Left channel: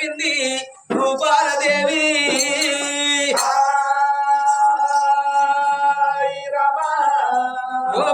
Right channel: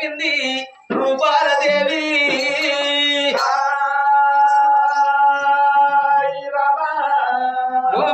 పలికింది రూపాలదేవి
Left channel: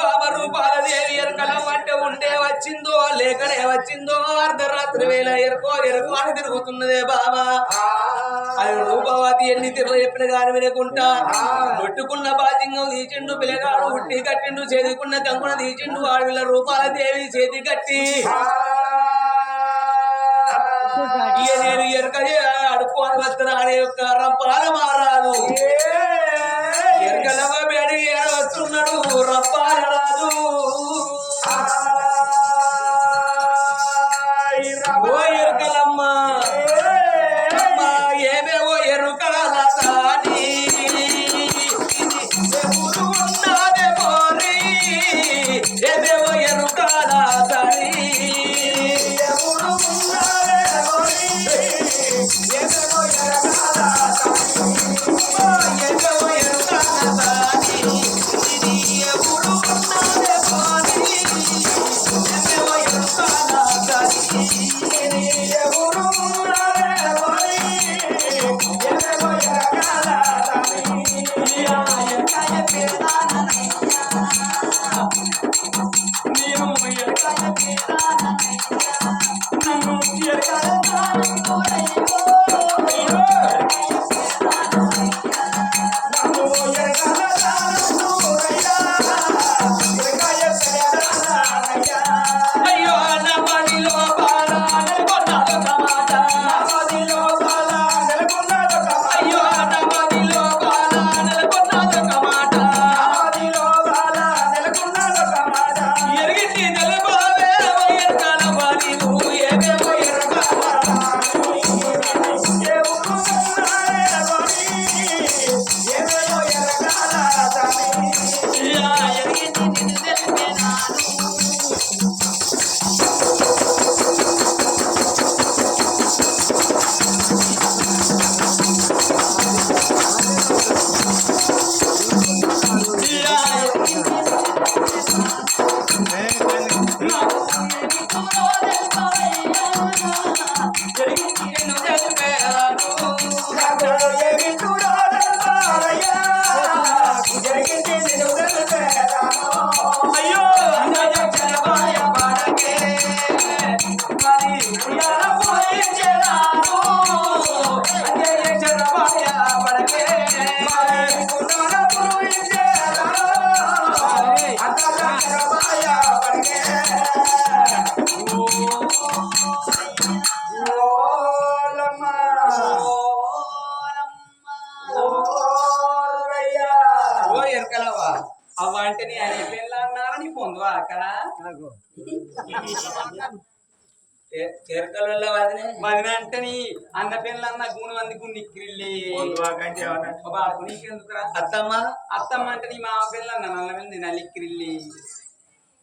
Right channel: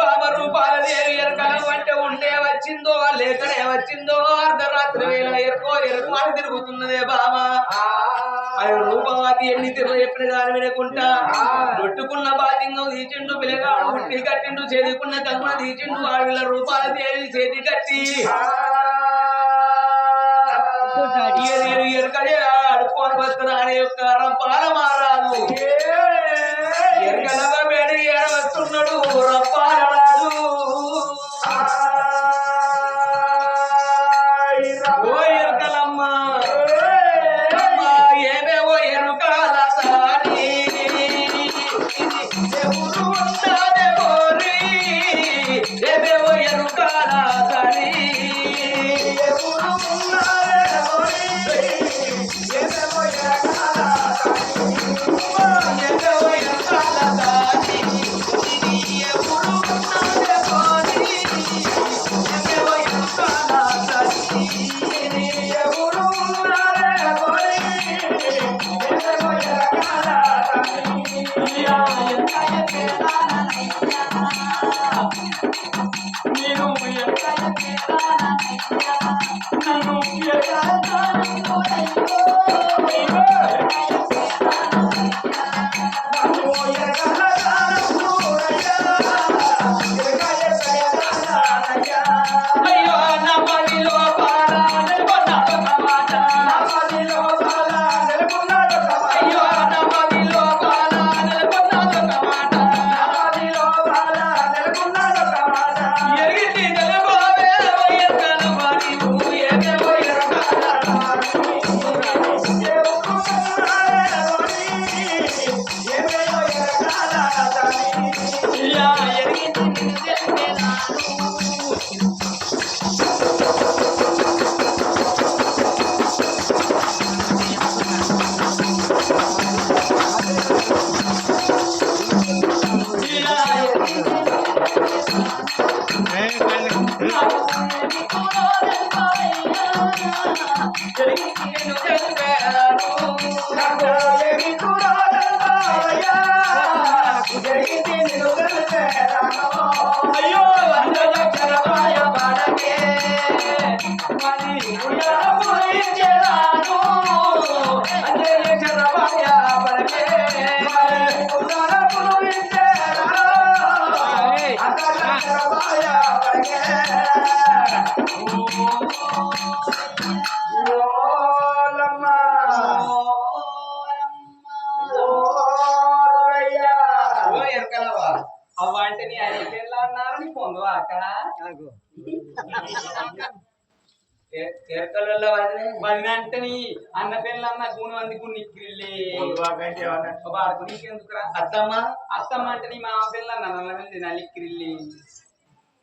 బాబా రూపాలదేవి ఎరకలం అంటే ఉండే వచ్చిందో లేకనే వచ్చిందో అర్ధరాత్రి వేళ ఎరకో ఎరకో అని తిరుగుతున్నదే బాబా. అది రూపవతి ఎన్ని తిరుగు చెప్పిన గాని వినకుంటా నొట్టుకున్న బాధ్యంగం తీసిండు పిల్లగాడు ఉట్టి కట్టిండు చేదుకున్న కంకున తీసిండు ఆడవిల రూపాల దేవి చేతి కట్టి. ఇక నేను ఎరకలే అడుక్కొని వస్తున్నా అనే యొక్క రంపాల మారాదు ఎరకలవ బేడి ఏడ వస్తున్నాడు? రంపాల వదిన అంటే అన్న పిల్ల అన్న గూని మంది ఆడుకు నీకెందుకురా? అత్తమ్మ? అత్తమ్మ అంటే నీ మామ పిల్ల అన్న నల్ల మంది నలిక్కిరిల్లి.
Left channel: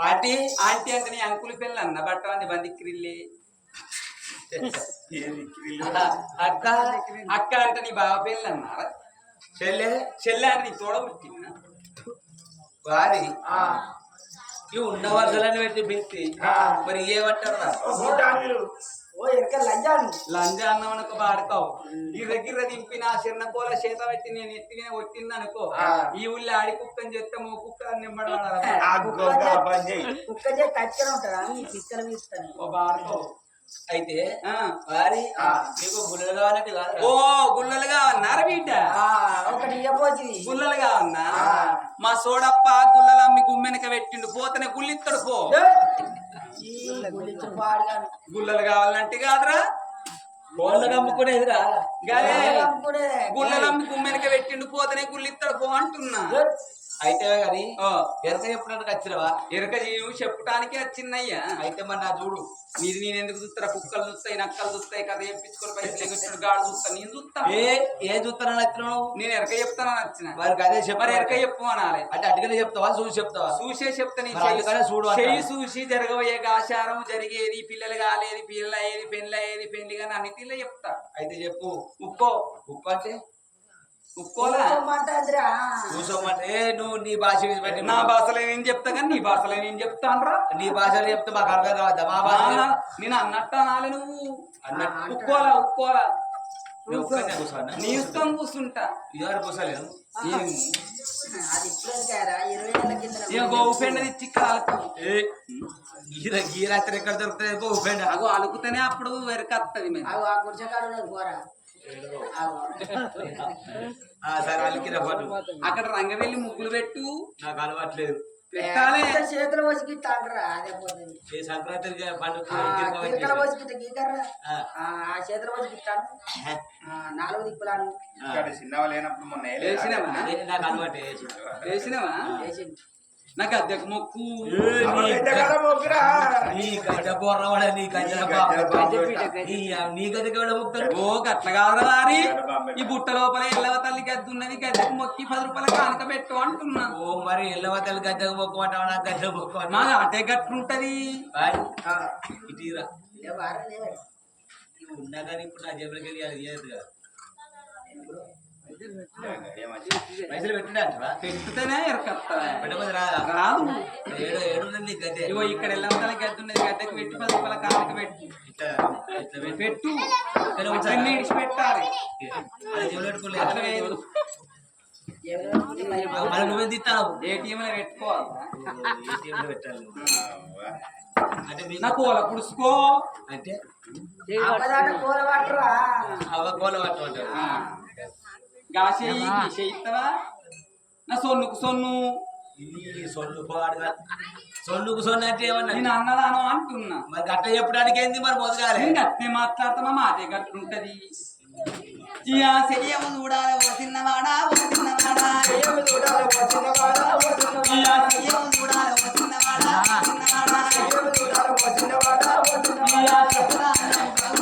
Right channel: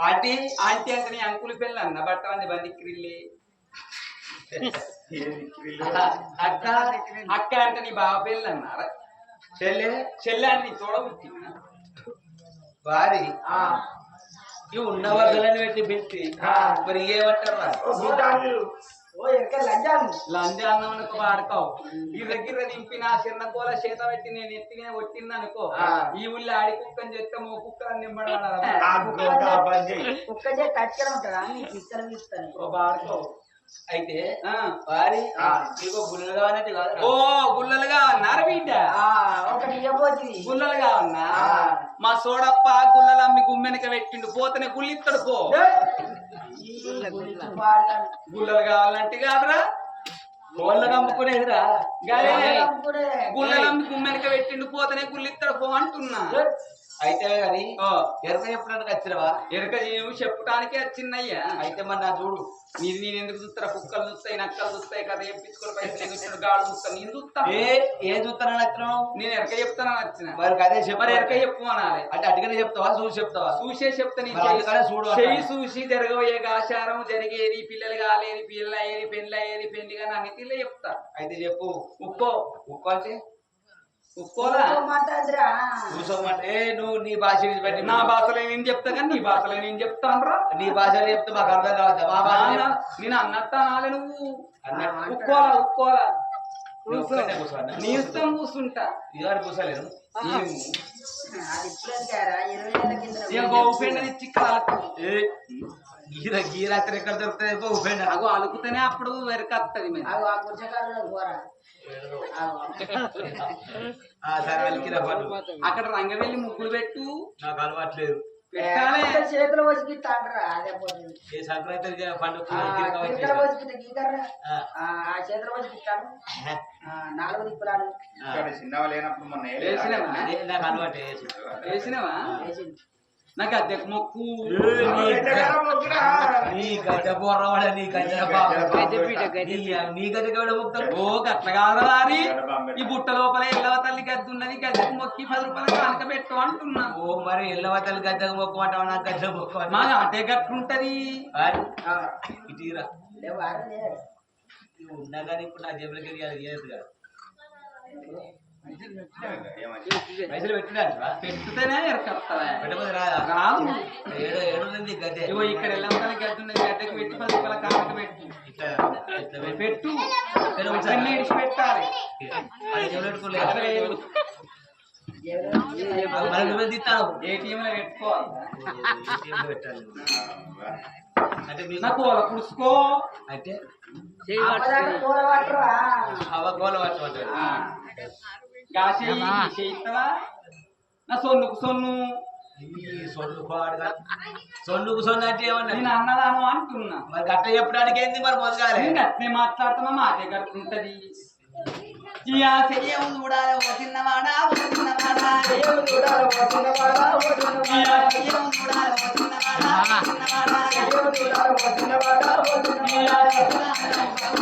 ఆంటీ? ఆంటీ అంటే నీ అంకులు పిల్ల అన్న బట్టలంది బందిక్కిరిల్లి. అక్క అక్క అంటే నీ బావ చెల్లె? చెల్లె అని నీ తోడ పుట్టిందా? వారి ఇవి ఉన్న వరుసలను పెట్టి పిలిచి మరి ఏమంటారా ఓ ఎరక లంజాను. లంజా అన్నం వాడతావు ఈ దగ్గర దింపిన చిన్న కూల చేత పెట్టి నేను ఎత్తి మీద కొట్టింది అనుకో. ఈ ఊళ్ళో ఆడి కుక్కని చెప్తే మో కుక్క నింబడాలి కుక్క చే కచ్చన ఉంటుందా? నీ పిక్కలు తీస్తాను ఓ బాడుకో అయితే ఆ. వారి మీకు గుళ్ళు కావాలంటే కాదు ఓ గుల్లలుగా అన్నారు బిడ్డ ఆ, ఒకటి గుల్లలుగా అన్నా మా సోడప్ప గుల్లలు అమ్మి గుమ్మెనక పెట్టిండు. పోతనే గుల్లిస్తాడు పో. గుల్లలు కావాలంటే కాదురా. కోళ్ళ నమ్ముకునేదిరా గాలే కూడా గుల్లలు అమ్మి గుమ్మెనక పెట్టిండు పోతనే గుల్లిస్తాడు పో అంటున్నా. అయితే కానీ ఓ ఎరక చెప్పడానికి వచ్చినవా? ఎరక జీవు చెప్పటానికే వచ్చిందయ్యా. అయితే మరి నా చూడు నీది నేను ఎందుకు చూస్తారా? కుక్కలు చూస్తాయి నక్కలు చూస్తాయి కథ చెప్పించుకొని పైసలు గాడు చూస్తా నేను చూస్తా. ఏ ఏ చూస్తానని వచ్చినావు? నేను ఎరక చెప్తానని వచ్చిన. వారికి అదే చెప్పు మరి ఎరక చెప్పు అనాలి. అంటే అటుగానే చెప్తావా? చూసి చెప్తావా? చూసే చెప్తా నీ మరి అందుకనే చూడు చెయ్యి- చూసి జరగబోయే ఆచారం జరిగేది పిల్లలు కాలేది పిల్ల అయ్యేది పెళ్ళి అయ్యేది పెళ్ళి కానీ అన్ని తీర్లే చెప్తా. అయితే చెప్పు. ఉక్కో ఉప్పు అంటే? కూర్చోమంటే ఏ నువ్వు నీ భాష పెట్టి నా భాషలో నేను చెప్తా కానీ నీ భాషలో నేను చెప్తాను రా నీ భాషలో చెప్తే మాకు అర్థం కావద్దా? మా భాష. నేను అన్నట్టు అనాలి నువ్వు. అన్నట్టు? ఉక్కోలా ఉక్కోలా నువ్వు ఒక్కటే కూర్చోవన్నా? నీ ఇష్టం కూర్చుంటా. కాలకు. గీర ఎక్కడ దొరుకుతుంది పో ఉపెండ అగో అలుకుతేనే అప్పుడు వెరకత్తది మేము సరే అలికిరా అక్కడ రంగవెల్లి ముగ్గులు పెట్టు. నాకు అలవాట్లేదు. చేతులు పోతుంది. ఏ సంక్రాంతి పండుగ చేతులు ఆ, నాలుగు దిక్కులాను చిన్నవ లేనప్పుడు మొన్న? వేసినావా? వేసినావా? అద్దెకు మొక్కు. నీ? నీ గడ్డ బొర్రవాడ నీ బాబు. నీ నీ గది కూడా ముక్తాడు ఓ గట్ల కాదురా లారి గడ్డ బాంబే. ఈ బుట్ట లోపల ఎల్లవ తల్లి గద్ద ఉన్నది. గద్దెకు మొక్కి పది రూపాయలు కానుక పెట్టు అంటున్నా. ఓ మరి ఎల్లవతలు గద్దకు మొక్కమంటావు నాకు గద్ద మా మొక్కమంటావు అదే గట్లుంటది ఆ, ఇటీరా. ఉన్నా కానీ ఇప్పుడు నా జేబులకి వెళ్ళి అది చేయదు కదా? పైసలు పెట్టినా పెట్టుతేనే రాదా? ఏడు ఏడు ఉంది గద్దె ఇగో ఇక్కడ ఎల్లవ తల్లి గద్ద ఉన్నది గద్దెకు పెట్టి పది రూపాయల కానుక పెట్టు. ఇట్లా ఇట్లా పెట్టి. పెట్టు. ఇక్కడ ఉంచాలా? అన్ని ఇడిచి పెట్టాలి. అది. ఎవరో మరి మళ్ళీ నువ్వే తీస్తావు ATM లో పెట్టుకోవాలి. ఏటీఎంలో పెట్టాలి. అంటే మీకు నా కోల అంటే పట్టరా. అవ్వ పట్టమంటాడు గాసి చేయిస్తావా నా సొన్నుకు సొన్ను ఈ సొన్ను కోడగా సొన్నుకు సొన్ను అంటే ఏమన్నా నేను అన్నదాను అంటున్నా మరి గట్ట చెప్పడానికి ఏంది మరి మొదగాలి నేను అట్నే మాట్లాడుతున్నా మాటే గట్లుంటది ఇయా చెయ్యము చూడాలి ఓ చిన్నవాడా ఓ చిన్నవాడా ఇయా చెయ్యము చూడాలి ఓ చిన్నవాడా ఓ చిన్నవాడా ఇయా చెయ్యము మొత్తం కట్టడం ఉండాలి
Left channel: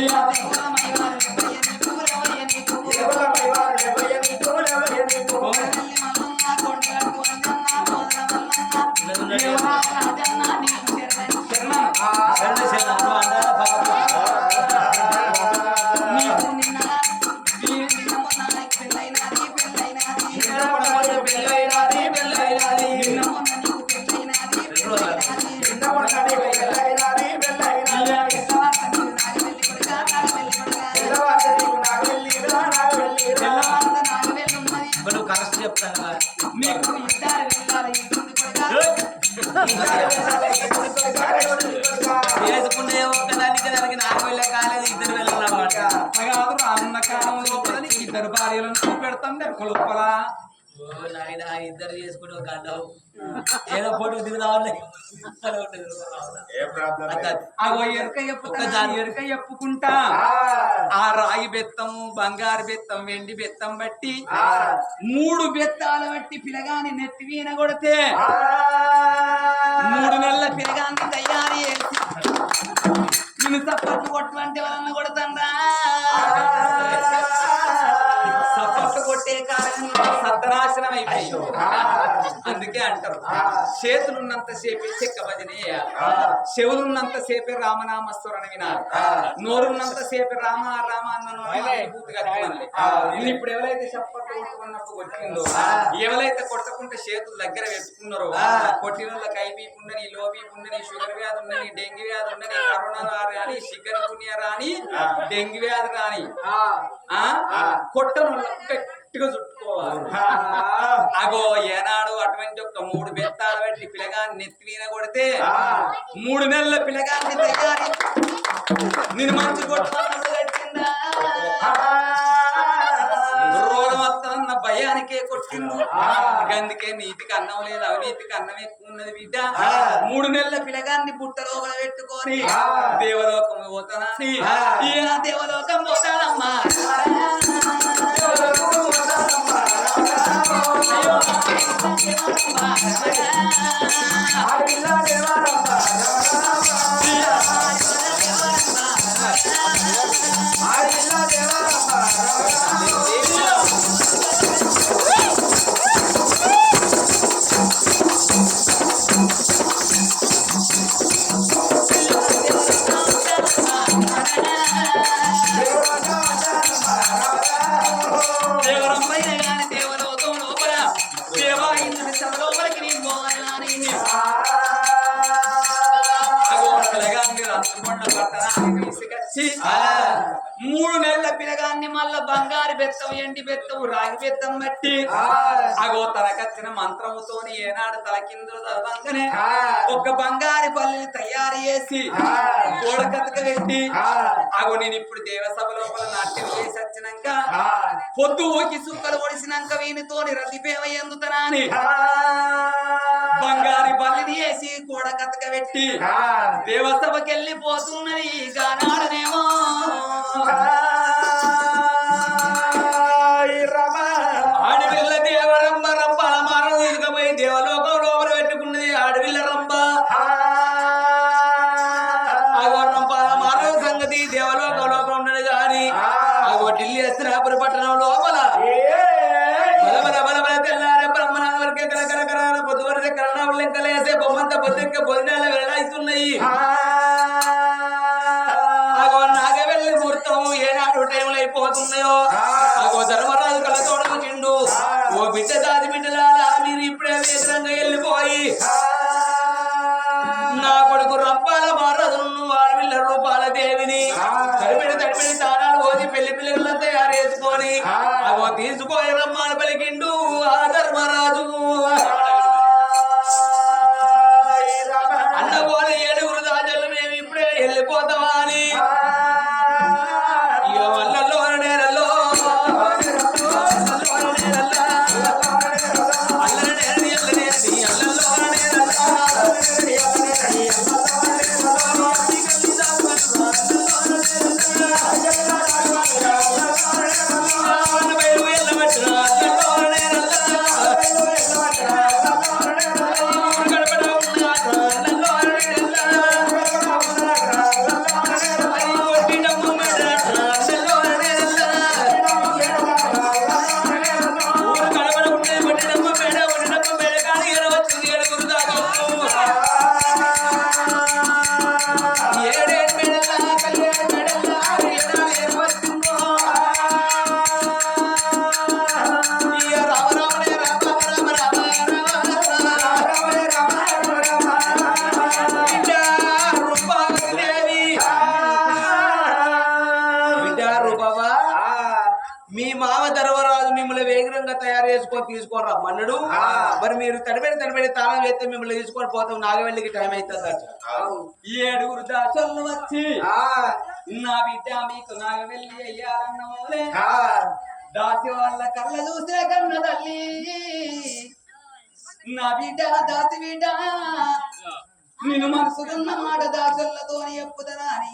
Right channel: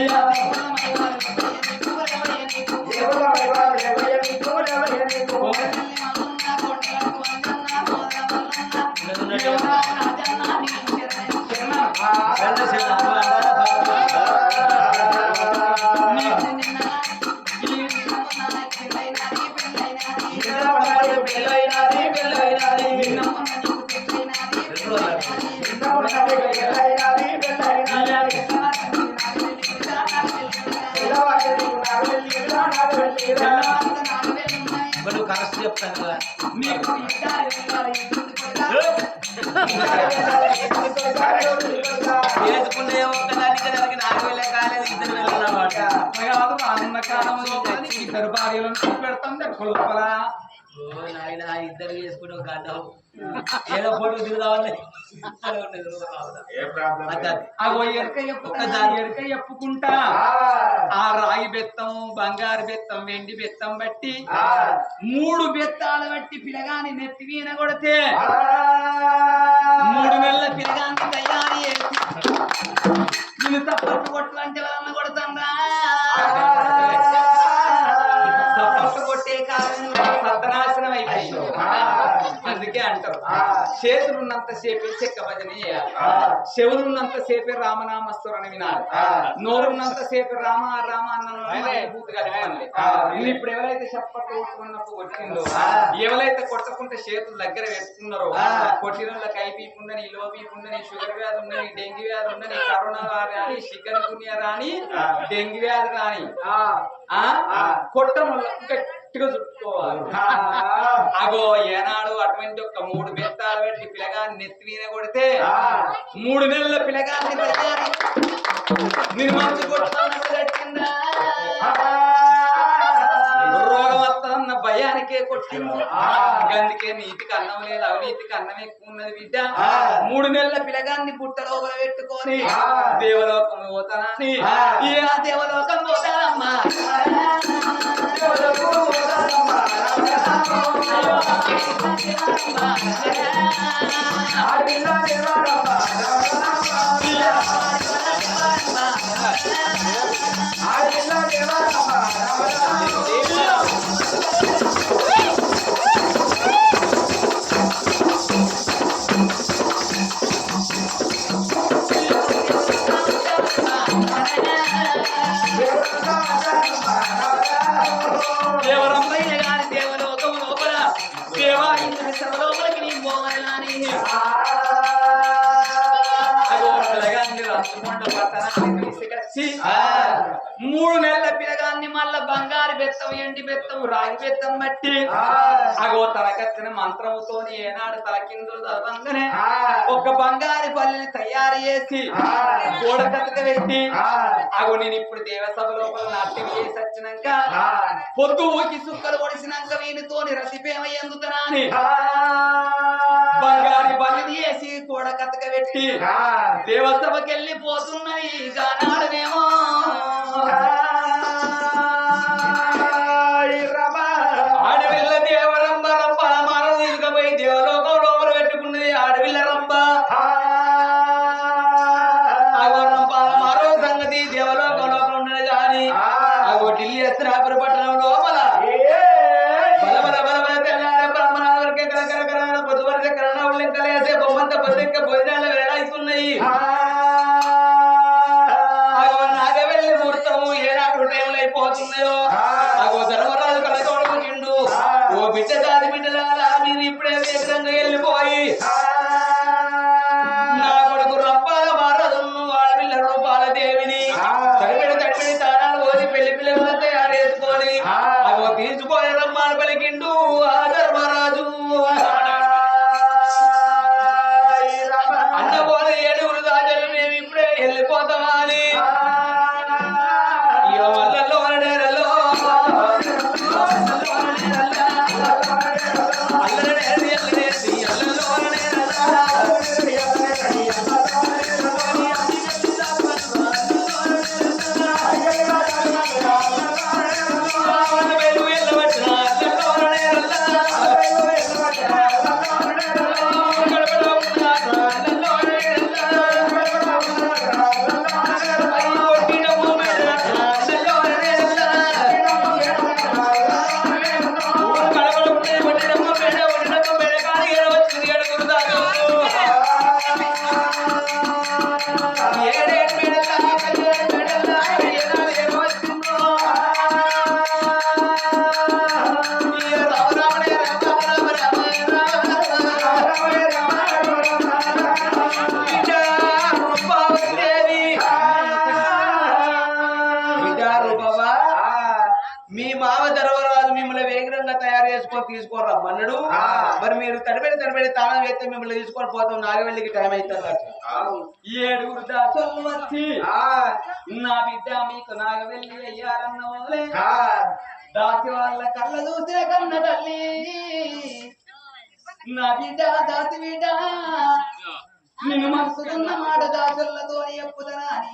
ఇయా నువ్వు కరెక్ట్ చెప్తాను కదా. చేసుకునే ఒక్కదానికి దానికి నాలుగు వేల కాలేదు ఇద్దరు రానున్న లోపల నీకు ఇద్దరు భార్యలను చూపెడతాం దెబ్బ లోపల ఓ నాయన ఇద్దరు చేసుకుని ఒక గడ్డం ఏదో ఫోటో దిగుదామని. అగో ఎరక ఎప్పుకుంటా ఆ. రాయి బెత్తం బంగారు బెత్తం వెండి బెత్తం బట్టి మూడు బెత్తాలు బట్టి పిలగాని నెత్తి వీణ కొడితే మూడు నెలల పిలగాన్ని తయారు అందుకే అంటారు. చేతులు ఉన్నంత సేపే చెక్క భజన చేయాలి. చెవులు ఉన్నంత సేపే రామనామస్వరణ వినాలి. నోరున్నంత సేపే రామ రామ అన్న ఇప్పుడు ఎవరైతే చప్పట్లు కొట్టుకున్నప్పుడు కొట్టిందో ఎవరైతే కొట్టకుంటే చేతులు దగ్గర పెట్టుకున్నారో కొట్టిన వాళ్ళకి ఐపీపీ ఉండని లో బీపీ ఉండని షుగర్ వ్యాధి ఉండని డెంగ్యూ వ్యాధి ఉండని కరోనా రాని చికెన్ గున్యా రాని డెంగ్యూ వ్యాధి రాని కొట్టను గట్టిగా చుట్టుకోవాలి అగో ఏనాడు అటువంటి ఒక మూడు బెత్తాలు పెట్టి పిల్లగాన్ని నెత్తి మీద కొడితే మూడు నెలల పిల్లగాన్ని తయారీ నేను మంచి రోగం వస్తుందన్న భయానికే కొట్టి వచ్చిండు అందుకే నీతికి అన్నం లేదు అవినీతికి అన్నం ఎక్కువ ఉన్నది బిడ్డ. మూడు నెలల పిల్లగాన్ని బుట్ట లోపల పెట్టుకొని. దేవలోకం పోతానని. ఆ. ఈయన దేవలోకం పోతానమ్మా. ఎండి బెత్తం రాగి బెత్తం మట్టి. అగో తనకచ్చిన మంత్రముతోని ఏనాడు తలకిందులు తలవంగనే ఒక బంగారు పల్లిని తయారు చేసి గోడ కథక పెట్టి అగో నేను ఇప్పుడు దేవసభ లోపల నాట్యం చేసి వచ్చినాక పొద్దు ఊకి సుక్కలు పొడిసినాక వీనితోని రతిపేమ ఎందుతనా అని బంగారు బలిని వేసి గోడ కథక పెట్టి దేవసభకి వెళ్ళిపోతున్నది గానాడనేమో. అగో ఢిల్లీ హస్తినాపుర పట్టణం లోపల బల. వేస్తే మిమ్మల్ని తీసుకొని పోతాం. నాగవెల్లికి టైం అవుతుంది ఏడుగురు దాసోళ్ళు వచ్చి నా బిడ్డ మీకు నాకు వెళ్ళి అయ్యారన్న వాళ్ళే దాసి వాళ్ళ కళ్ళ చూసే కన్న తల్లి నా బిడ్డ దాసి బిడ్డ నిన్ను మనసుకున్న మాట దాసల్లతో చెప్పుదనా అని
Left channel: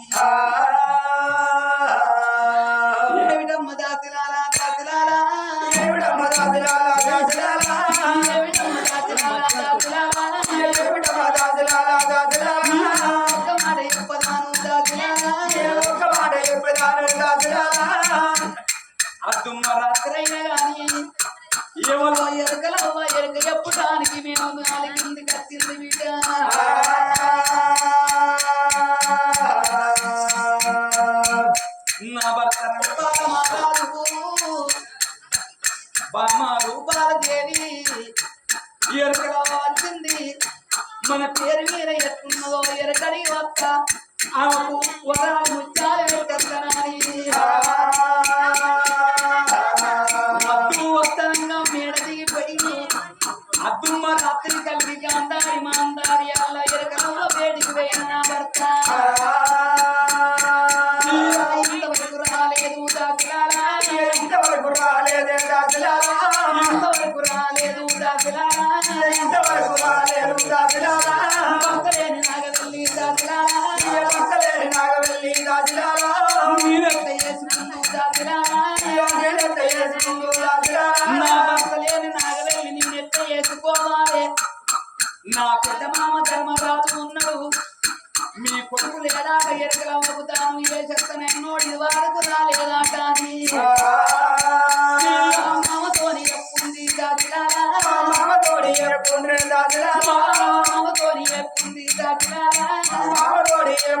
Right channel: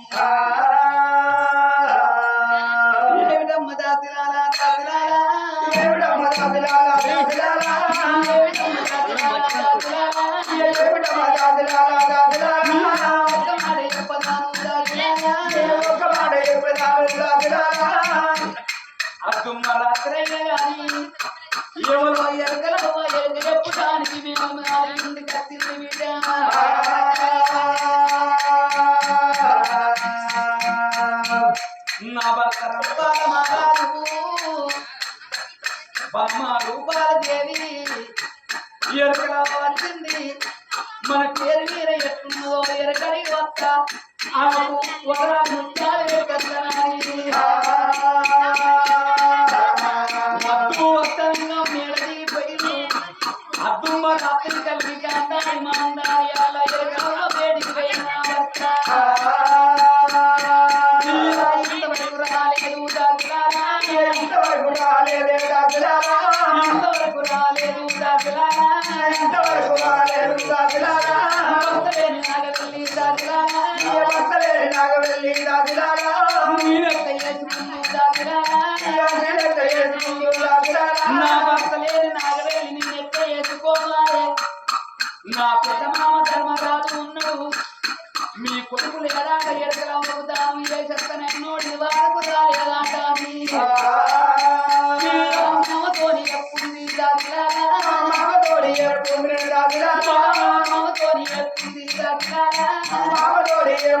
ఏమిటమ్మ దాసిలాలా దాసిలాలా? ఏమిటమ్మ దాసిలాలా దాసిలాలా? అద్దుమ్మ రాత్రే గాని ఎవరో ఎరగలో ఎరగ చెప్పడానికి మేము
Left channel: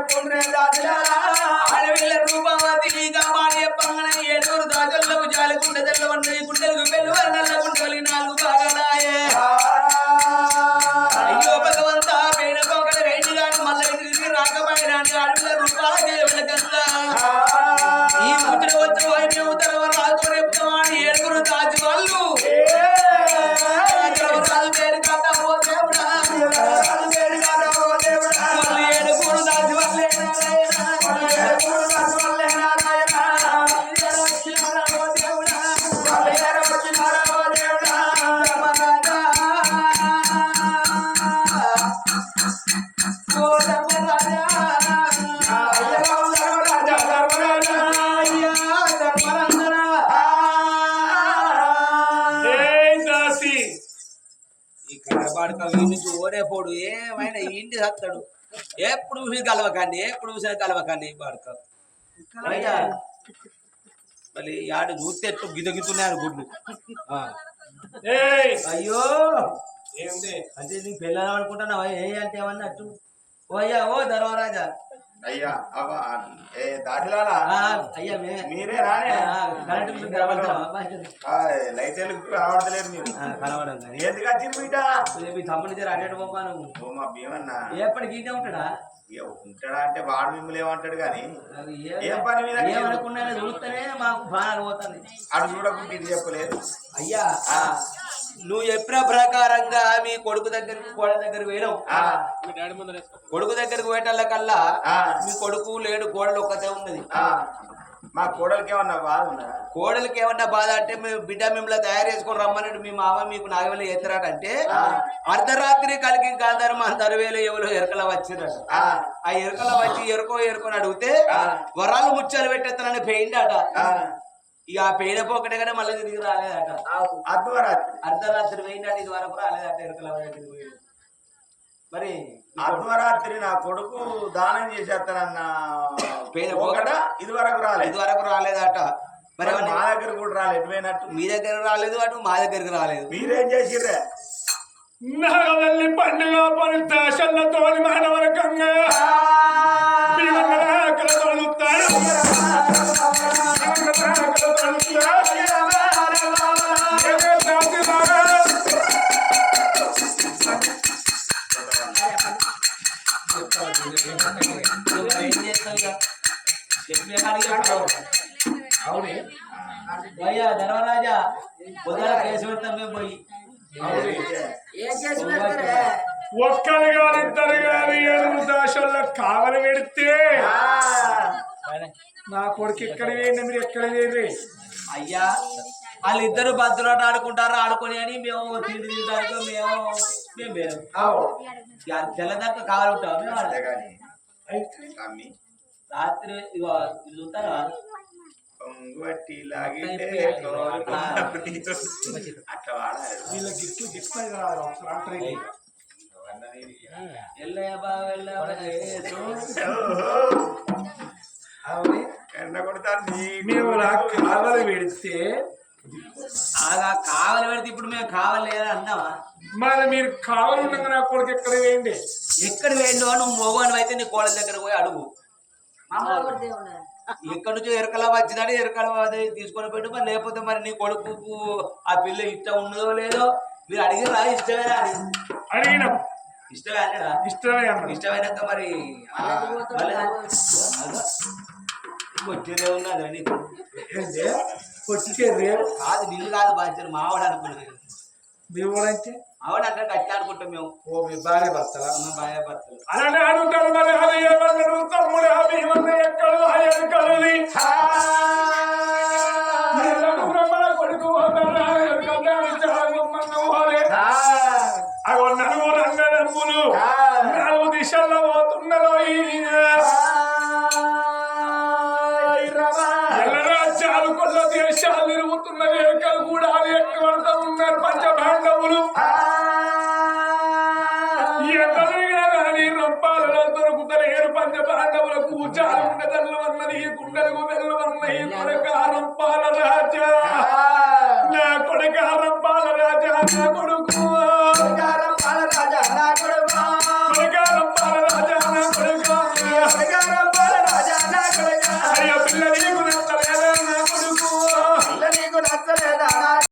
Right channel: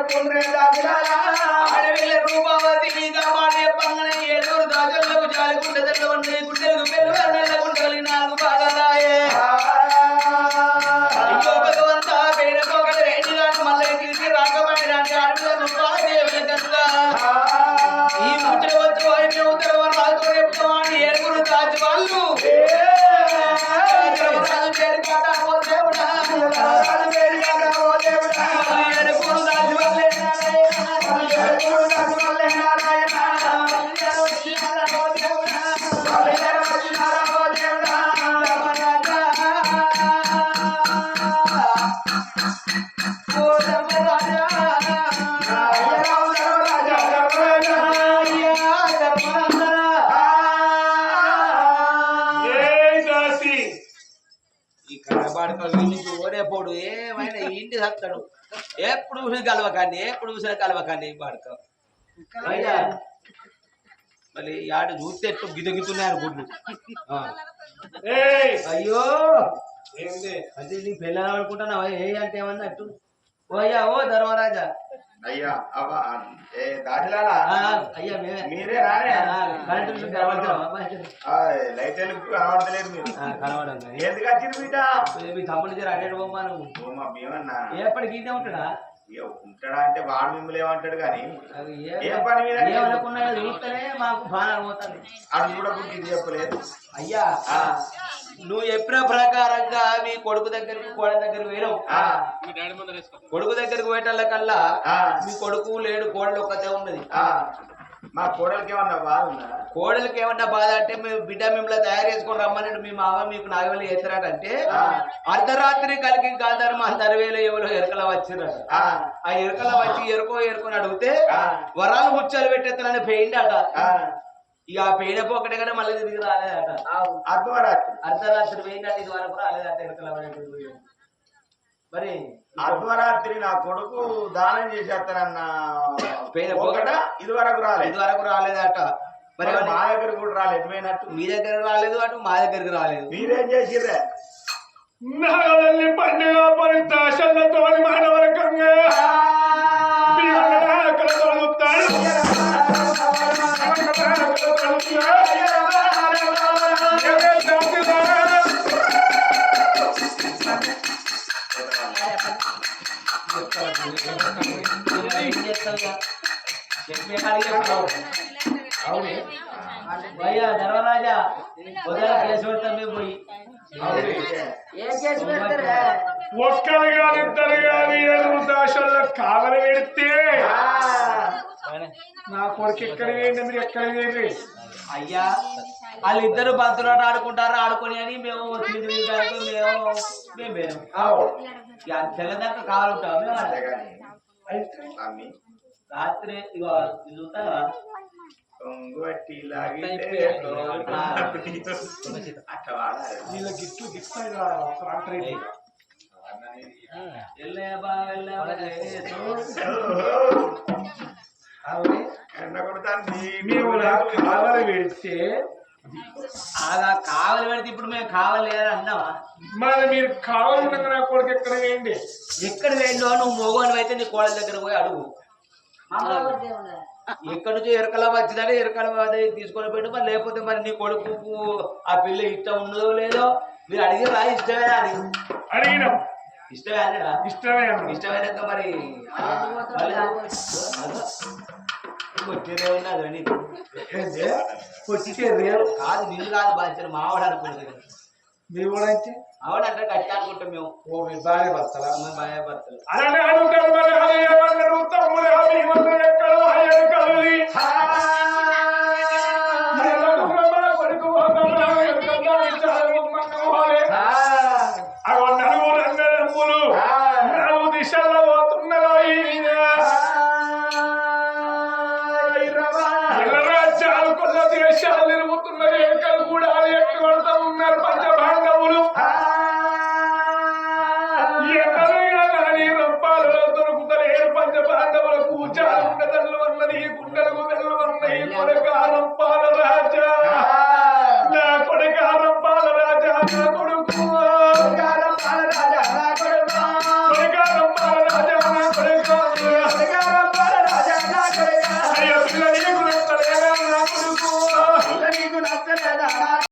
దాదిలాలా. ఓడేపోడు ఏమైనా ఇంటి సత్తాడు. ఎప్పుడు చూసిన కలవకండి ఎప్పుడు చూసిన కలవకండి పాడుక. మళ్ళీ ఆడ చూస్తే ఎప్పుడు గిదగితున్నాడు గుడ్లు. అయ్యో! ఏంది? అంటే నీకు పెళ్ళాలి అనుకుంటున్నావా? ఏ అంటే ఏమన్నట్టు ఓ అయ్యా ఓ ధర్మరాజా. అయ్యా అయ్యా మీరే. ఆ, లైట్ ఎందుకు కనబడతలేదు మీరు. ఎందుకు వచ్చింది మీ తమ్ముడి దగ్గర నువ్వు? ఎప్పటికి ఉంటాడా? ఇక ఉంటాడా అంటే వాడు మిమ్మల్ని ఏమంటాడు కానీ అది ఏం పని మీద ఏమనుకున్నా చూస్తేనే మాకు బాగా పోతుంది అటు చూడకుండా ఇది చెప్పలేదు. అయ్యా నువ్వు చెప్పిన ప్రకారంగా నీ కొడుకు దగ్గరికి కోడల దగ్గరికి పోయినావు. ఆ, కొడుకు దగ్గరికి పోయేటల్ల కల్లా మీ కొడుకు లేడు కోడలు ఒక్కతే ఉన్నది. ఆ. మా కోడలికి ఏమన్నా బాధ ఉందా? కోడలికి ఏమన్నా బాధ అంటే మేము బిడ్డ మిమ్మల్ని తయారు చేసుకొని రమ్మని మీ మామ మీకు నాగవేలు ఎత్తురాడంటే అర్ధరాత్రి కలిగి గాంధర్మ అంతర్వేలు ఎవరు ఎరకల వచ్చిర్రట. ఆ, ఎరకల వచ్చి ఎరుకో ఎరుకొని అడిగితే. వరాలు ముచ్చాలు పెట్టేస్తానని పెయిండట ఆ. ఇక ఆ పెయిన పోకటగానే మళ్ళీ తిరిగి రాలేదట. అర్ధరాత్రి. అర్ధరాత్రి పెయిండట ఇది వరకు రాలేదట ఎరకల. మరి అర్ధరాత్రి నా కొడుకు దానం చేసేస్తానన్న ఒకట ఇది వరకు ఇది రాలేదు వరకు రాలేదట మరి మరి మా దగ్గర కూడా రాలేదు ఎటువైనట్టు మీ దగ్గర రాలేదు అటు మా దగ్గరికి రాలేదు మీరేం చేసిర్రే నాగవల్లి పండుగ పరితాశల్లతో మానవరకంగా కొడుకు ఎక్కడ వేయండి మీరు ఎక్కడ వేయండి అయ్యా వాళ్ళిద్దరు బంతులాట ఆడుకుంటారు ఆడుకొని అని మేము తిండి మేము మేము తెల్లదాకా కావాలంటాం మేము అంతే. కానీ అమ్మి రాత్రి ఇగో వాడాలి. వీళ్ళ గిట్లు గిట్లు అంటారు ఎల్లయ్య బా వెళ్ళ అవునే ఎండ కొడతాను మేము కావలి పెడితే అలా కావాలి పెడితే ఇప్పుడు మేము కావాలి అని అన్నావా? మరి మీరు కావాలి ఉండగా నా కొడుకు ఎక్కడ వేయండి? ఎక్కడ వేయండు నువ్వు మోగోని అయితే నీ కోళ్ళ దగ్గర పోయి అడుగు. ఎక్కడి నుంచో ఎరకల వచ్చిందంటే ఎరకల తీసుకొని పెట్టు మరి లేకపోతే మరి నీ కొడుకు ఆ పిల్ల ఇష్టం ఉన్నదో లేదో మీరు అడిగిరా? ఇష్టమేనా అని. అడిగినాం. ఇష్టమే అన్నాడా? ఇష్టమే అన్న ఇష్టమైనాక మరి వచ్చేదే ఉన్నది నీకు ఏంటి? వచ్చే రేపు కాదు నిన్ను కాదు బాధ్యత మావాడు అనుకున్నది కదా. మీ ఊరంటే ఆవిడ అంటే గట్టి అనుకుంటాం మేము. ఓ మీ భార్య భర్తల? అడుగుతారు మరి అది తమ్ముడు ఇవన్నీ ఎక్కడ అయ్యారు కలది బ్రహ్మణ కొడుకు రంపాల రాజా నా కొడుక రంపాల రాజా నా కొడుకు